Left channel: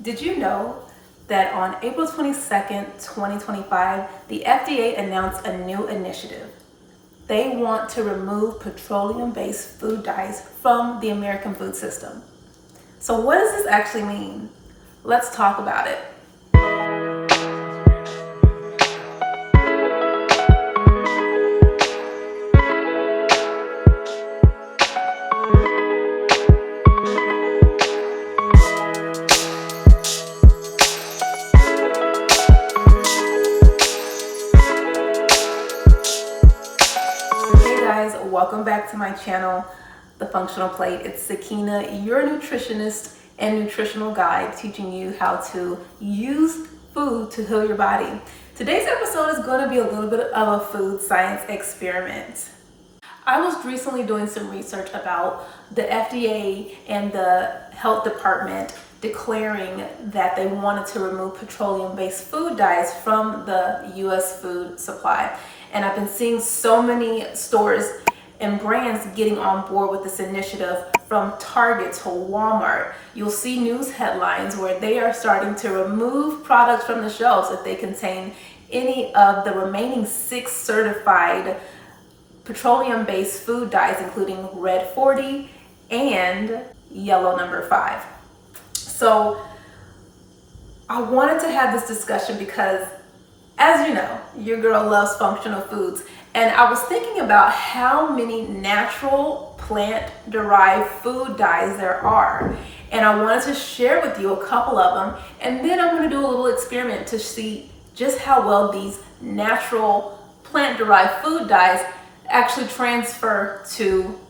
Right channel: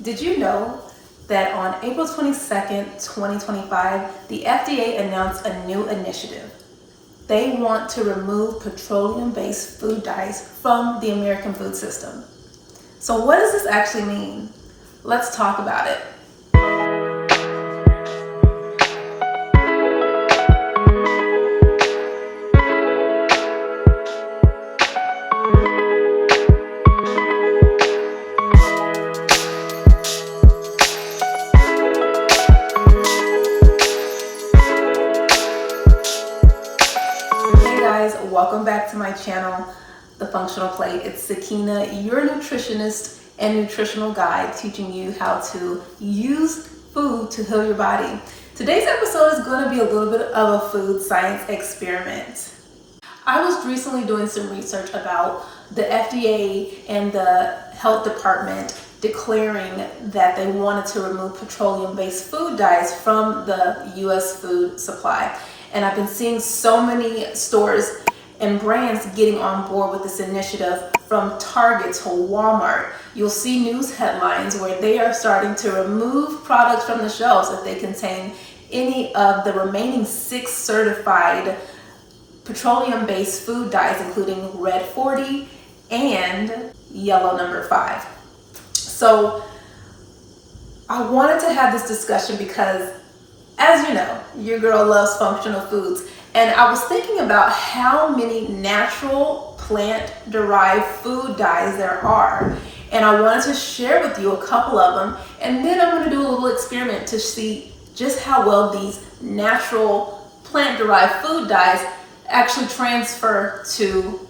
Did you know that on April 22nd, 2025, the FDA announced a new initiative? They want to remove petroleum-based food dyes from the American food system. So what does this actually mean? Let's talk about it. Hey guys, welcome back to my channel, The Functional Plate. It's Sakina, your nutritionist and nutritional guide, teaching you how to use food to heal your body. Today's episode is going to be a little bit of a food science experiment. I was recently doing some research about the FDA and the health department declaring that they wanted to remove petroleum-based food dyes from the US food supply. And I've been seeing so many stores and brands getting on board with this initiative, from Target to Walmart. You'll see news headlines where they are starting to remove products from the shelves if they contain any of the remaining 6 certified petroleum-based food dyes, including red 40 and yellow number 5. So I wanted to have this discussion because, as you know, your girl loves functional foods. And I was thinking about how many natural plant-derived food dyes there are. And I wanted to share with you a couple of them. And then I'm going to do a little experiment to see just how well these natural plant-derived food dyes actually transfer to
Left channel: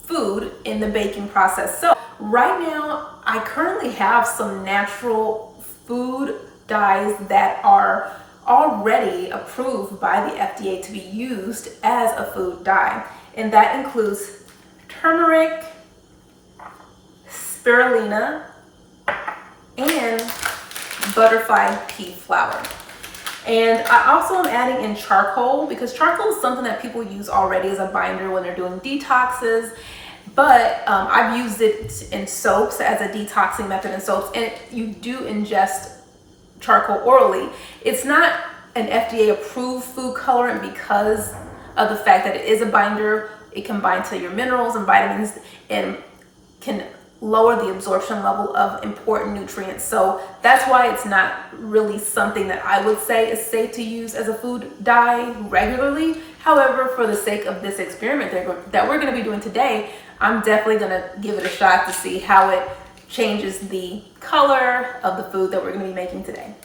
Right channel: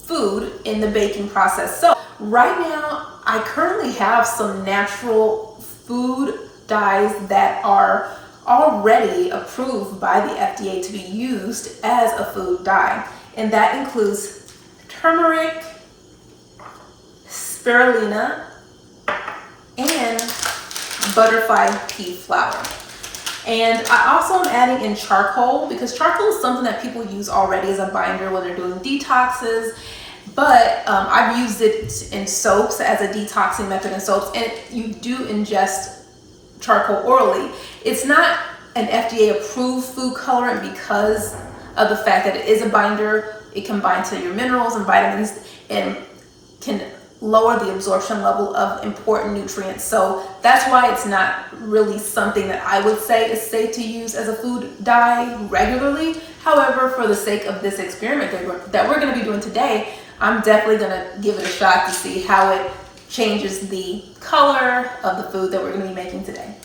food in the baking process. So right now, I currently have some natural food dyes that are already approved by the FDA to be used as a food dye. And that includes turmeric, spirulina, and butterfly pea flower. And I also am adding in charcoal, because charcoal is something that people use already as a binder when they're doing detoxes. But I've used it in soaps as a detoxing method in soaps, and you do ingest charcoal orally. It's not an FDA approved food colorant because of the fact that it is a binder. It can bind to your minerals and vitamins and can lower the absorption level of important nutrients. So that's why it's not really something that I would say is safe to use as a food dye regularly. However, for the sake of this experiment that we're going to be doing today, I'm definitely going to give it a shot to see how it changes the color of the food that we're going to be making today.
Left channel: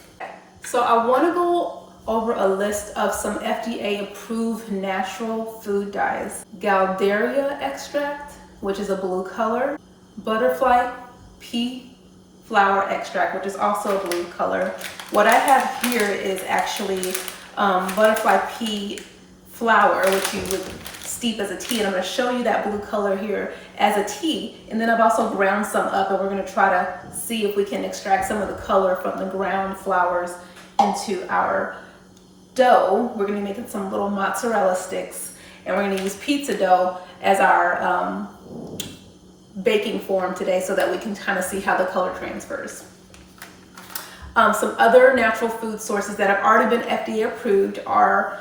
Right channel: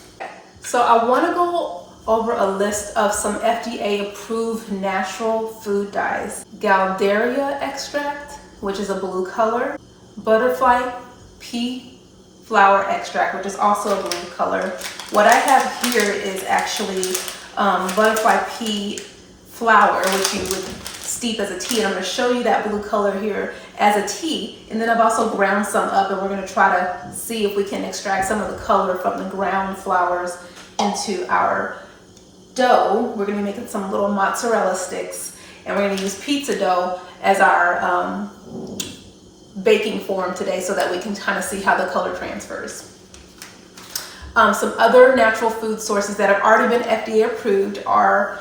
So I want to go over a list of some FDA approved natural food dyes. Gaultheria extract, which is a blue color. Butterfly pea flower extract, which is also a blue color. What I have here is actually butterfly pea flower, which you would steep as a tea, and I'm going to show you that blue color here as a tea. And then I've also ground some up, and we're going to try to see if we can extract some of the color from the ground flowers into our dough. We're going to be making some little mozzarella sticks, and we're going to use pizza dough as our baking form today so that we can kind of see how the color transfers. Some other natural food sources that have already been FDA approved are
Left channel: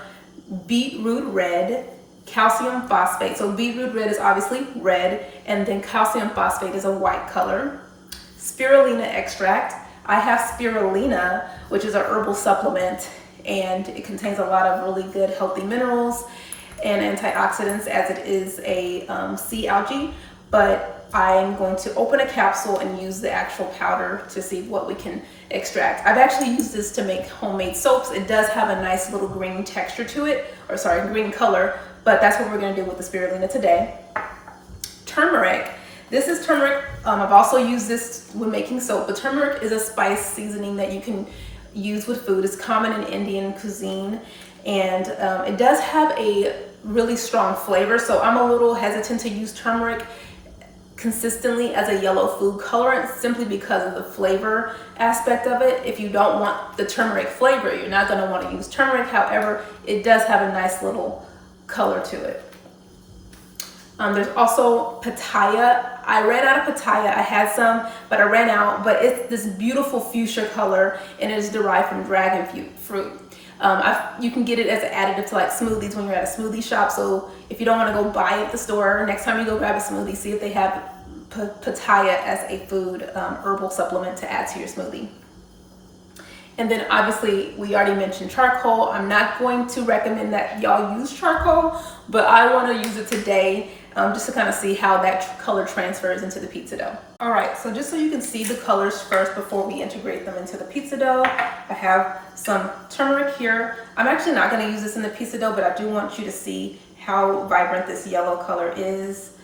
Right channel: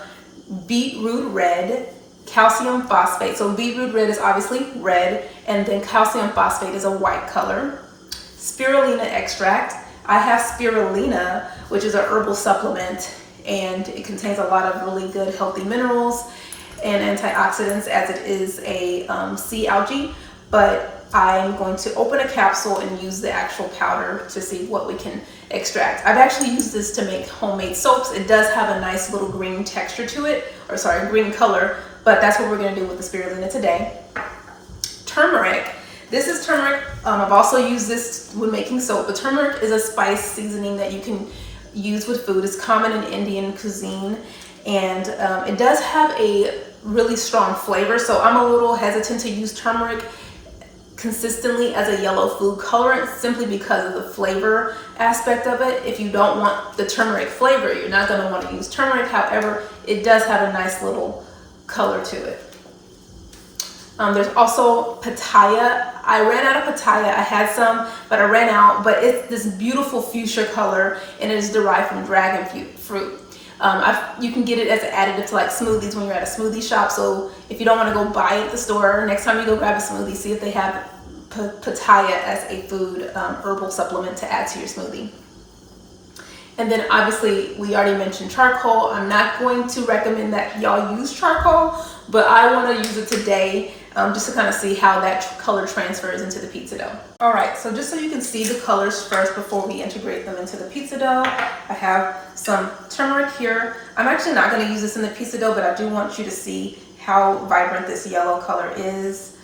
beetroot red, calcium phosphate. So beetroot red is obviously red, and then calcium phosphate is a white color. Spirulina extract. I have spirulina, which is a herbal supplement, and it contains a lot of really good healthy minerals and antioxidants, as it is a sea algae. But I'm going to open a capsule and use the actual powder to see what we can extract. I've actually used this to make homemade soaps. It does have a nice little green texture to it, or sorry, green color, but that's what we're going to do with the spirulina today. Turmeric. This is turmeric. I've also used this when making soap, but turmeric is a spice seasoning that you can use with food. It's common in Indian cuisine, and it does have a really strong flavor, so I'm a little hesitant to use turmeric consistently as a yellow food colorant, simply because of the flavor aspect of it. If you don't want the turmeric flavor, you're not going to want to use turmeric. However, it does have a nice little color to it. There's also pitaya. I ran out of pitaya. I had some, but I ran out. But it's this beautiful fuchsia color, and it is derived from dragon fruit. You can get it as an additive to like smoothies when you're at a smoothie shop. So if you don't want to go buy it at the store, next time you go grab a smoothie, see if they have pitaya as a food herbal supplement to add to your smoothie. And then obviously we already mentioned charcoal. I'm not going to recommend that y'all use charcoal, but I want to use it today just to kind of see how that color transfers into the pizza dough. All right, so just so you can see the colors first before we integrate them into the pizza dough, I have some turmeric here. I'm actually not going to use this in the pizza dough, but I do want you to see how vibrant this yellow color is.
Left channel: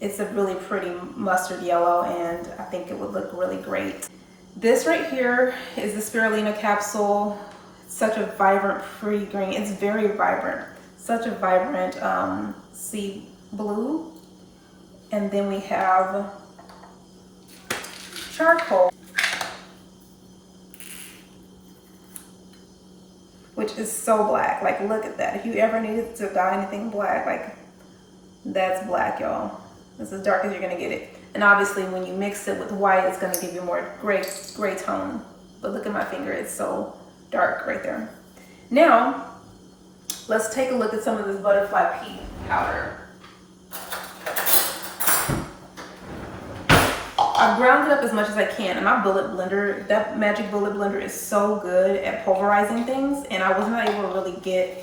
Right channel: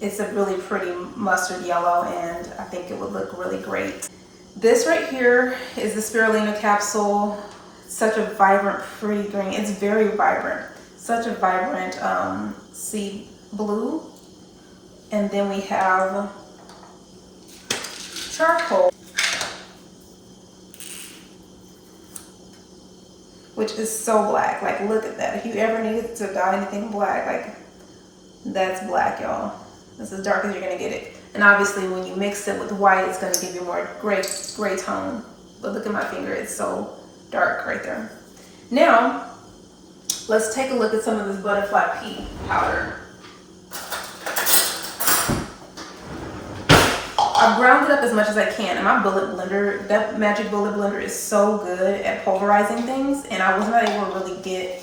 It's a really pretty mustard yellow, and I think it would look really great. This right here is the spirulina capsule. Such a vibrant, pretty green. It's very vibrant. Such a vibrant sea blue. And then we have charcoal, which is so black. Like, look at that. If you ever needed to dye anything black, like, that's black, y'all. It's as dark as you're gonna get it. And obviously when you mix it with white, it's gonna give you more gray tone. But look at my finger, it's so dark right there. Now, let's take a look at some of this butterfly pea powder. I've ground it up as much as I can, and my bullet blender, that Magic Bullet blender is so good at pulverizing things, and I was not able to really get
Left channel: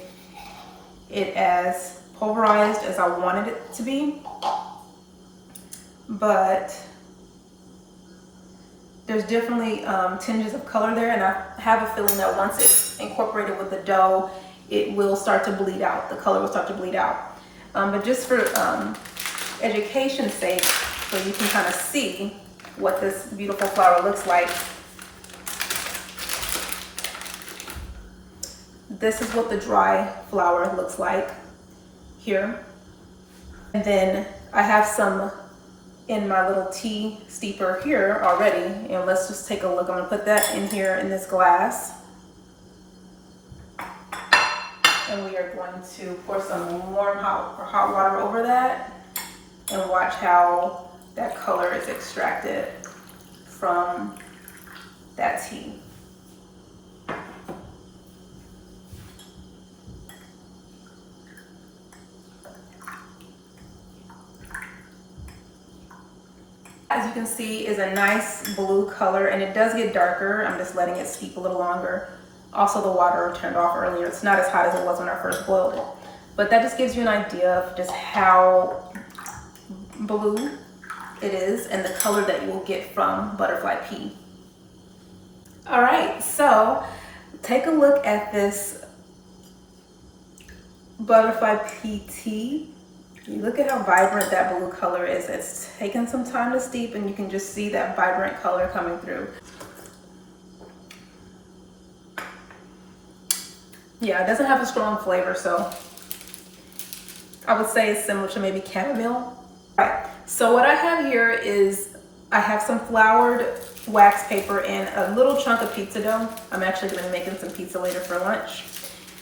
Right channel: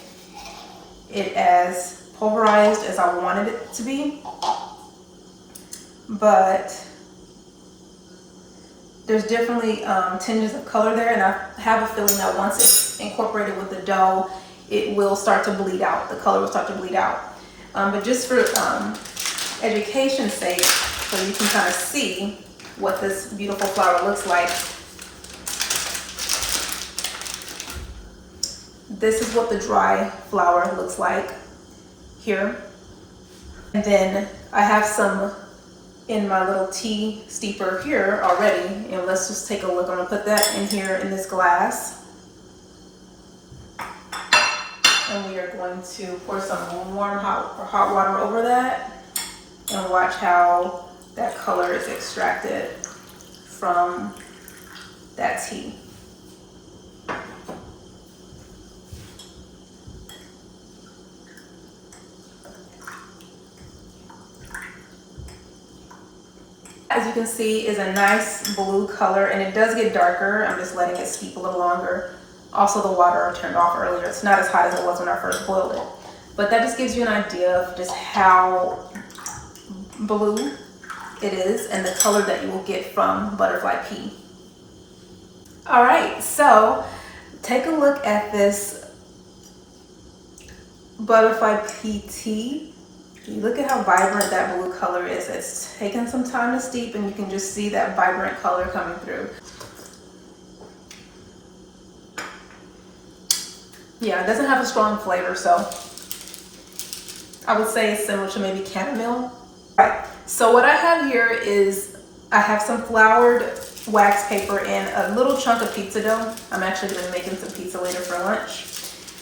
it as pulverized as I wanted it to be. But there's definitely tinges of color there, and I have a feeling that once it's incorporated with the dough, it will start to bleed out. The color will start to bleed out. But just for education's sake, so you can kind of see what this beautiful flour looks like, this is what the dry flour looks like here. And then I have some in my little tea steeper here already, and let's just take a look. I'm gonna put that in here in this glass, and we are going to pour some warm hot water over that and watch how that color is extracted from that tea. As you can see, is a nice blue color, and it does get darker. I'm just letting it steep a little longer. Also, the water turned off earlier. It's not as hot as it was when I first boiled it. But that just gives you an idea of just how blue it is and the color that you will get from butterfly pea. All right, so take a look at this butterfly pea tea. You look at how vibrant that blue color is. It's taken some time to steep, and you can just see that vibrant color coming through. Yeah, it doesn't have a strong flavor, so I would say it's similar to maybe chamomile. All right, so what I have here is I have some floured wax paper and a little chunk of pizza dough. I'm actually going to be making some pizza later for lunch,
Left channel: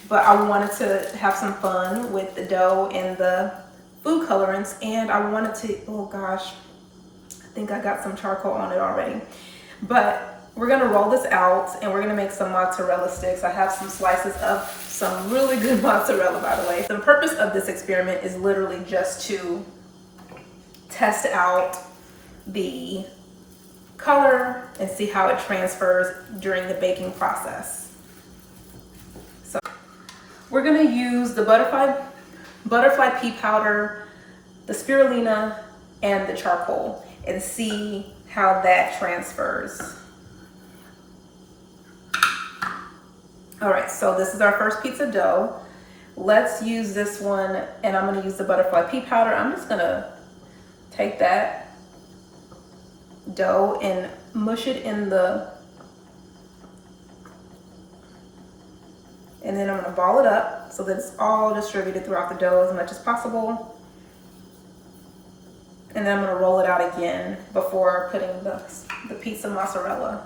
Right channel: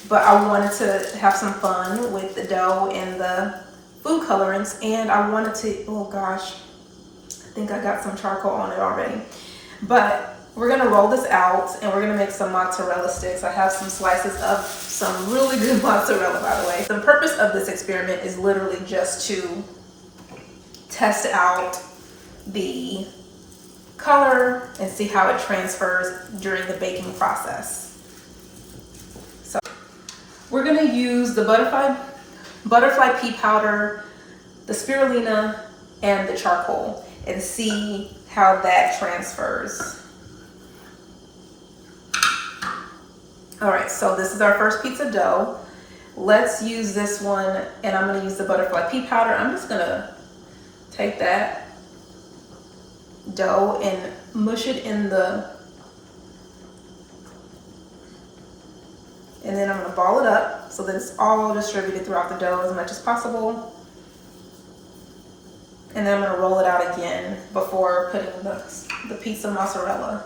but I wanted to have some fun with the dough and the food colorants, and I wanted to, oh gosh, I think I got some charcoal on it already. But we're gonna roll this out, and we're gonna make some mozzarella sticks. I have some slices of some really good mozzarella, by the way. The purpose of this experiment is literally just to test out the color and see how it transfers during the baking process. So we're gonna use the butterfly pea powder, the spirulina, and the charcoal, and see how that transfers. All right, so this is our first pizza dough. Let's use this one, and I'm gonna use the butterfly pea powder. I'm just gonna take that dough and mush it in and then I'm gonna ball it up so that it's all distributed throughout the dough as much as possible. And then I'm gonna roll it out again before putting the piece of mozzarella.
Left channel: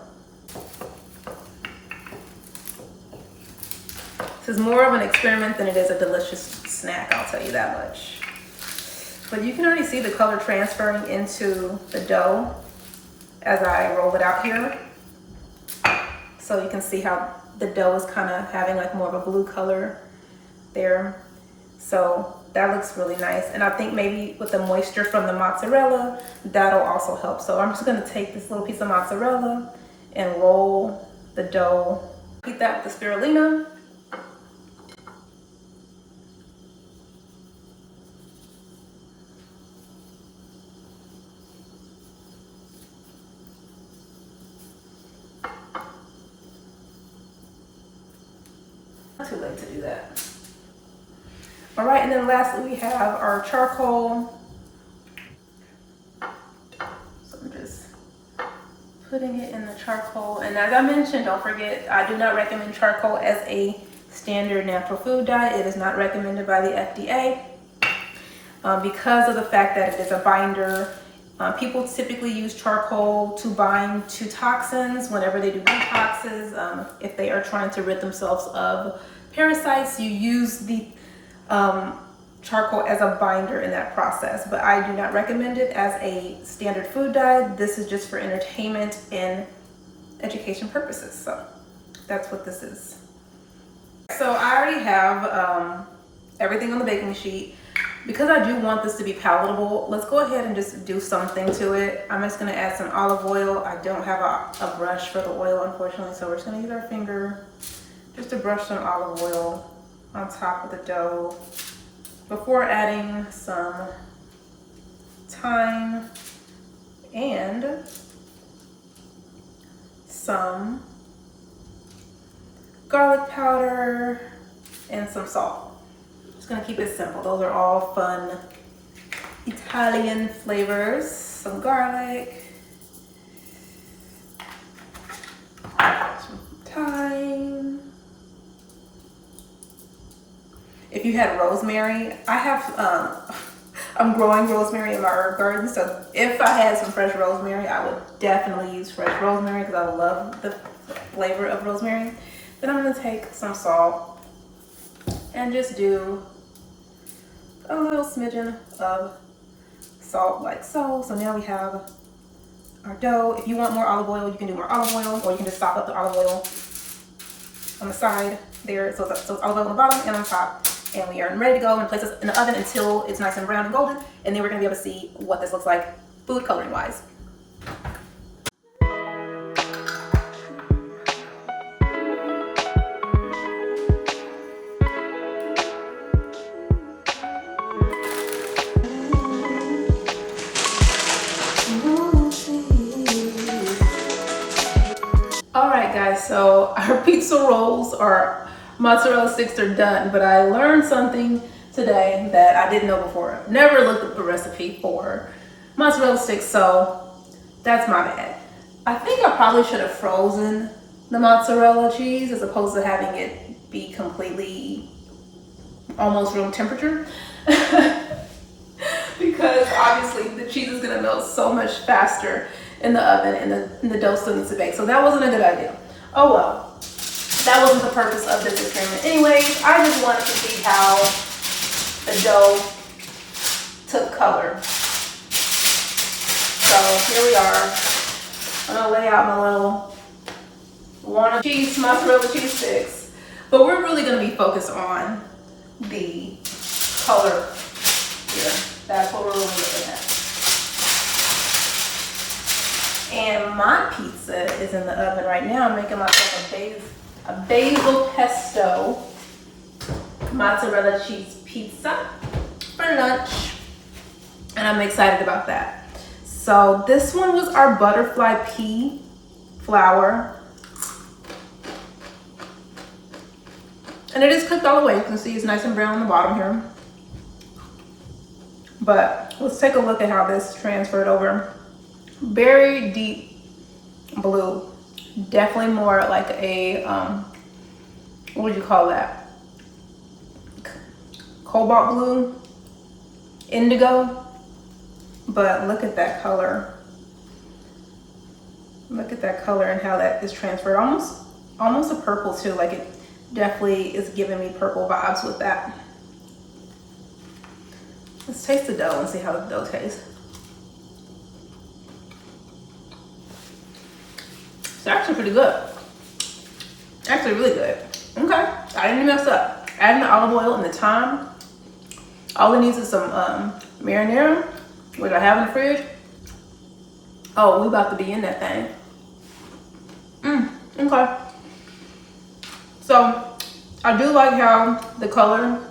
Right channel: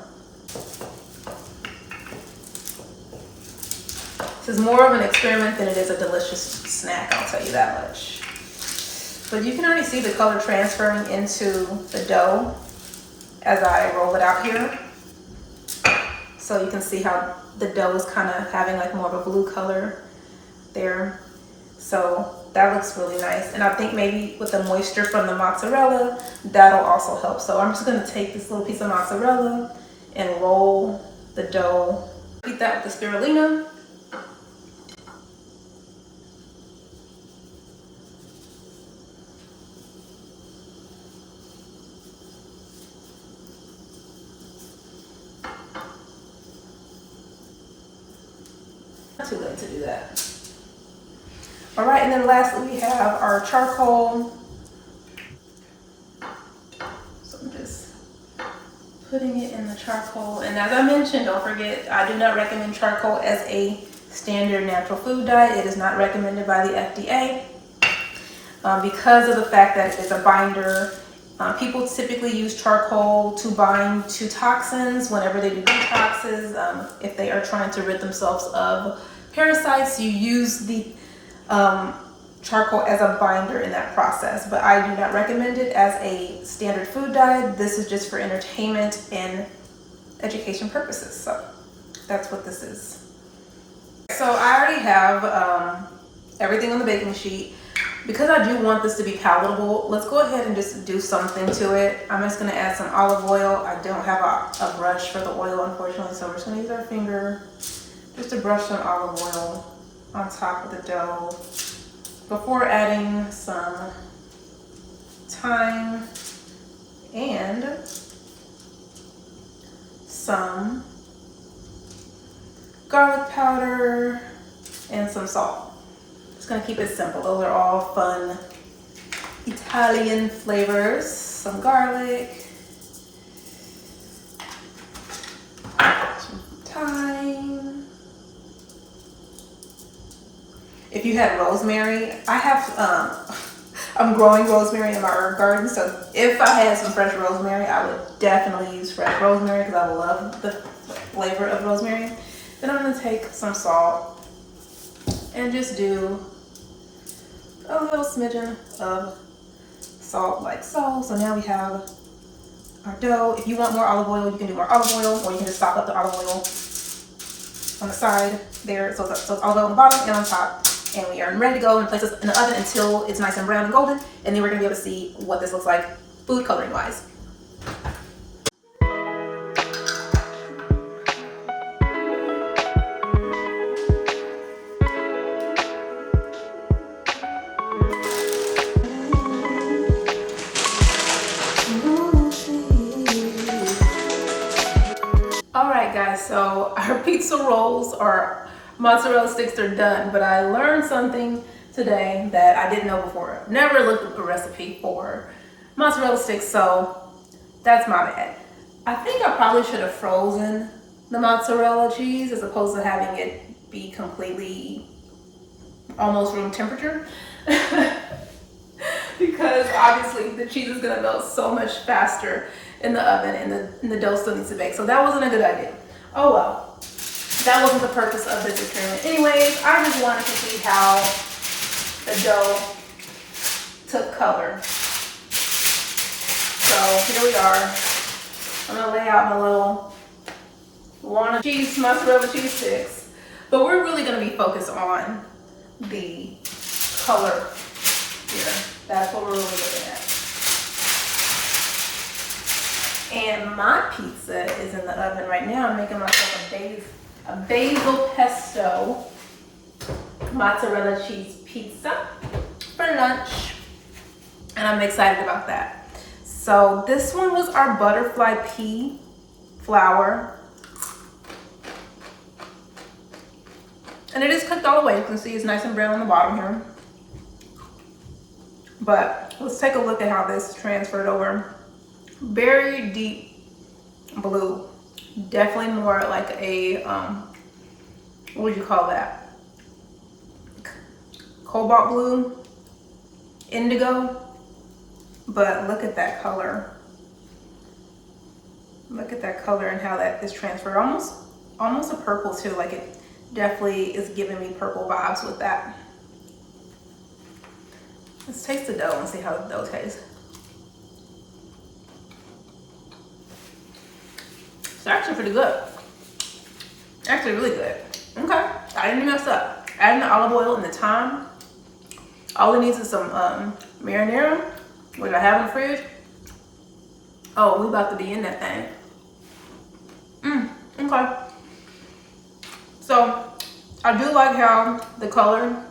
This is more of an experiment than it is a delicious snack, I'll tell you that much. But you can already see the color transferring into the dough as I roll it out here. So you can see how the dough is kind of having like more of a blue color there. So that looks really nice. And I think maybe with the moisture from the mozzarella, that'll also help. So I'm just gonna take this little piece of mozzarella and roll the dough. Eat that with the spirulina. Not too late to do that. All right, and then lastly we have our charcoal. So I'm just putting it in the charcoal. And as I mentioned, don't forget, I do not recommend charcoal as a standard natural food dye. It is not recommended by the FDA because of the fact that it is a binder. People typically use charcoal to bind to toxins whenever they do detoxes. If they are trying to rid themselves of parasites, you use the charcoal as a binder in that process, but I do not recommend it as a standard food dye. This is just for entertainment and education purposes. So that's what this is. So I already have everything on the baking sheet. Because I do want this to be palatable, let's go ahead and just do something to it. I'm just gonna add some olive oil. I don't have a brush for the oil, unfortunately, so we're just gonna use our finger just to brush some olive oil on top of the dough before adding some thyme and some garlic powder and some salt. Just gonna keep it simple. Those are all fun Italian flavors. Some garlic, some thyme. If you had rosemary, I have, I'm growing rosemary in my herb garden. So if I had some fresh rosemary, I would definitely use fresh rosemary because I love the flavor of rosemary. Then I'm gonna take some salt and just do a little smidgen of salt like so. So now we have our dough. If you want more olive oil, you can do more olive oil, or you can just stop up the olive oil on the side there. So it's olive oil on the bottom and on top. And we are ready to go and place this in the oven until it's nice and brown and golden. And then we're gonna be able to see what this looks like food coloring wise. All right, guys, so our pizza rolls or mozzarella sticks are done, but I learned something today that I didn't know before. Never looked up a recipe for mozzarella sticks, so that's my bad. I think I probably should have frozen the mozzarella cheese as opposed to having it be completely almost room temperature. Because obviously the cheese is gonna melt so much faster in the oven and the dough still needs to bake. So that wasn't a good idea. Oh well, that wasn't the purpose of this experiment. Anyways, I just wanted to see how the dough took color. So here we are. I'm gonna lay out my little mozzarella cheese sticks, but we're really gonna be focused on the color here. That's what we're really looking at. And my pizza is in the oven right now. I'm making myself a basil pesto mozzarella cheese pizza for lunch. And I'm excited about that. So this one was our butterfly pea flour. And it is cooked all the way. You can see it's nice and brown on the bottom here. But let's take a look at how this transferred over. Very deep blue. Definitely more like a, what would you call that? Cobalt blue, indigo. But look at that color. Look at that color and how that is transferred. Almost a purple too. Like it definitely is giving me purple vibes with that. Let's taste the dough and see how the dough tastes. It's actually pretty good. Actually really good. Okay, I didn't mess up. Adding the olive oil and the thyme. All it needs is some marinara, which I have in the fridge. Oh, we about to be in that thing. Okay. So, I do like how the color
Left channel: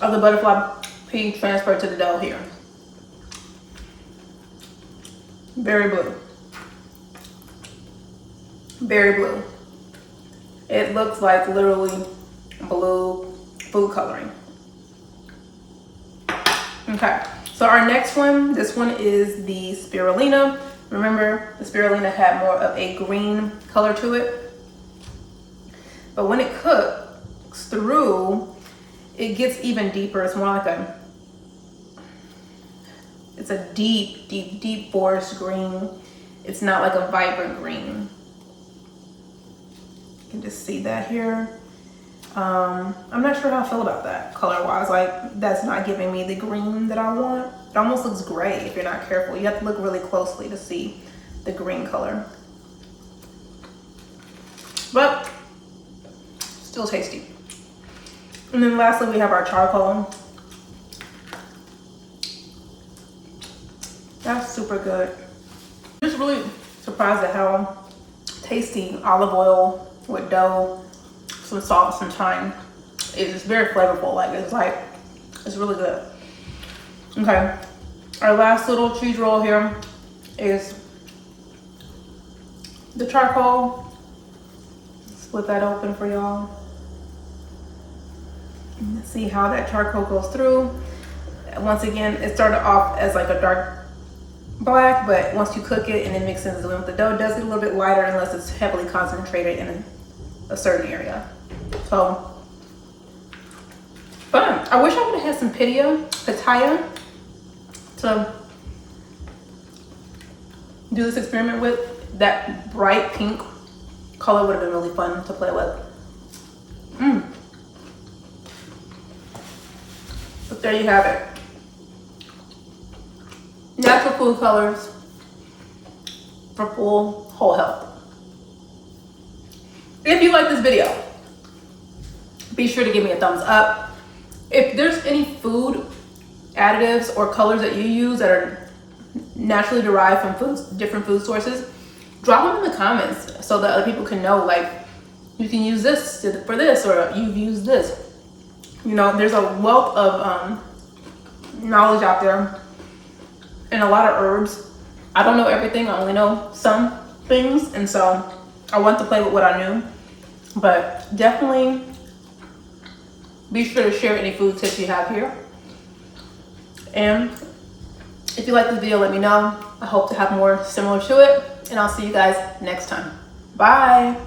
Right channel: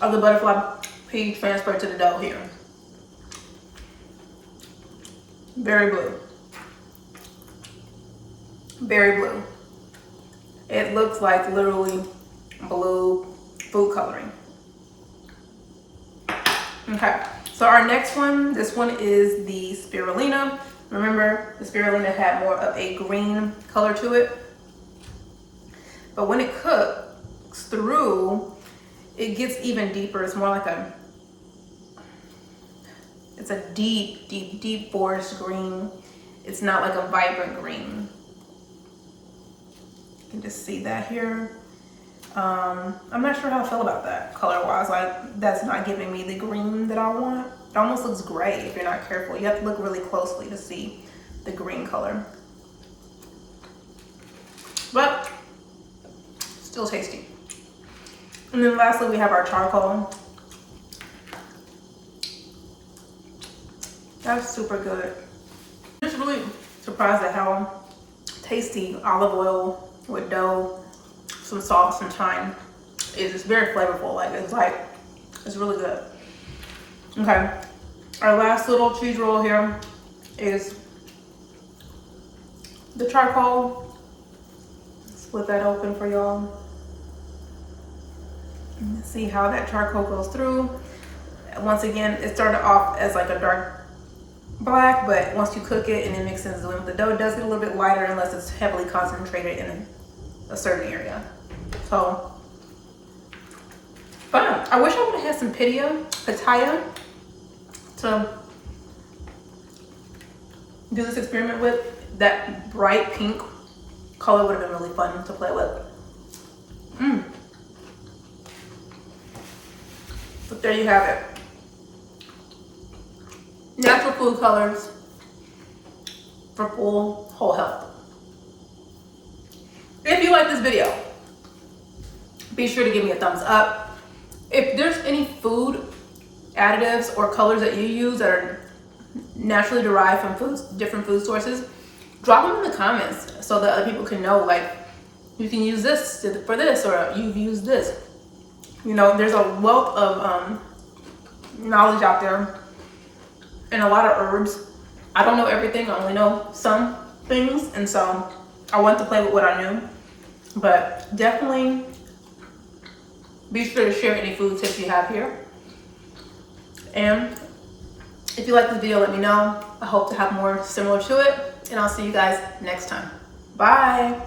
of the butterfly pea transferred to the dough here. Very blue. Very blue. It looks like literally blue food coloring. Okay, so our next one, this one is the spirulina. Remember, the spirulina had more of a green color to it. But when it cooks through, it gets even deeper. It's more like it's a deep, deep, deep forest green. It's not like a vibrant green. You can just see that here. I'm not sure how I feel about that color-wise. Like, that's not giving me the green that I want. It almost looks gray if you're not careful. You have to look really closely to see the green color. But still tasty. And then lastly, we have our charcoal. That's super good. I'm just really surprised at how tasty olive oil with dough, some salt, some thyme is. It's very flavorful. It's really good. Okay, our last little cheese roll here is the charcoal. Split that open for y'all. See how that charcoal goes through. Once again, it started off as like a dark black, but once you cook it and it mixes in with the dough, it does get a little bit lighter unless it's heavily concentrated in a certain area. So fun. I wish I would have had some pitaya to do this experiment with. That bright pink color would have been really fun to play with. But there you have it. Natural food colors for full whole health. If you like this video, be sure to give me a thumbs up. If there's any food additives or colors that you use that are naturally derived from different food sources, drop them in the comments so that other people can know, like, you can use this for this, or you've used this. You know, there's a wealth of knowledge out there and a lot of herbs. I don't know everything, I only know some things, and so I want to play with what I knew. But definitely be sure to share any food tips you have here. And if you like this video, let me know. I hope to have more similar to it, and I'll see you guys next time. Bye.